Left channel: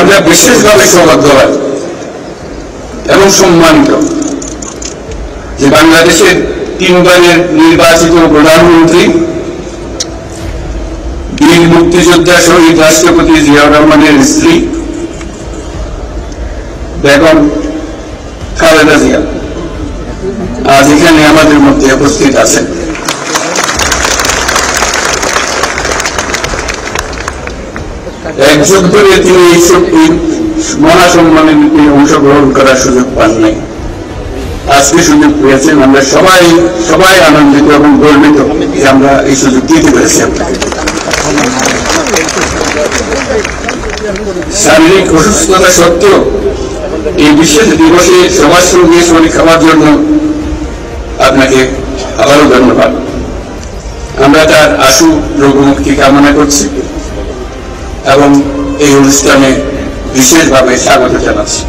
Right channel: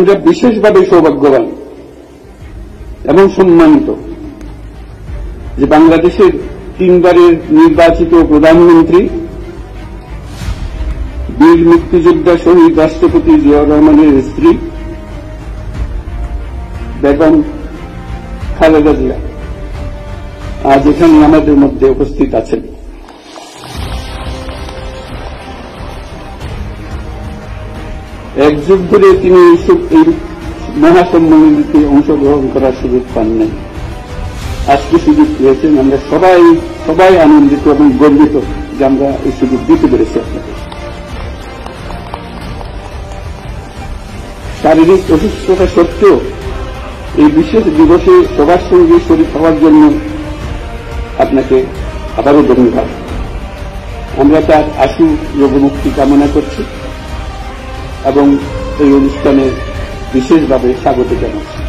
আমরা বিশেষভাবে সৌভাগ্য এবং সম্মানিত যে বাংলাদেশের 3 বারের নির্বাচিত প্রধানমন্ত্রী বীর মুক্তিযোদ্ধা শহীদ রাষ্ট্রপতি জিয়াউর রহমানের স্ত্রী বেগম খালেদা জিয়া আজ এখানে আমাদের মধ্যে উপস্থিত আছেন। এক যুগ ধরে তিনি এই মহাসম্মানে অংশগ্রহণ করার সুযোগ পান নাই, আজকে সুযোগ পেয়েছেন। আমরা সবাই আনন্দিত এবং গর্বিত যে আমরা এই সুযোগ দিতে পেরেছি আপনাকে। শারীরিক অসুস্থতা সত্ত্বেও এই বিশেষ দিবসে সবার সঙ্গে শরীর খাওয়ার জন্য আপনাকে আবারও ধন্যবাদ। আমরা তার আশু রোগমুক্তি কামনা করছি এবং এই অনুষ্ঠানে বিশেষভাবে স্বাগত জানাচ্ছি।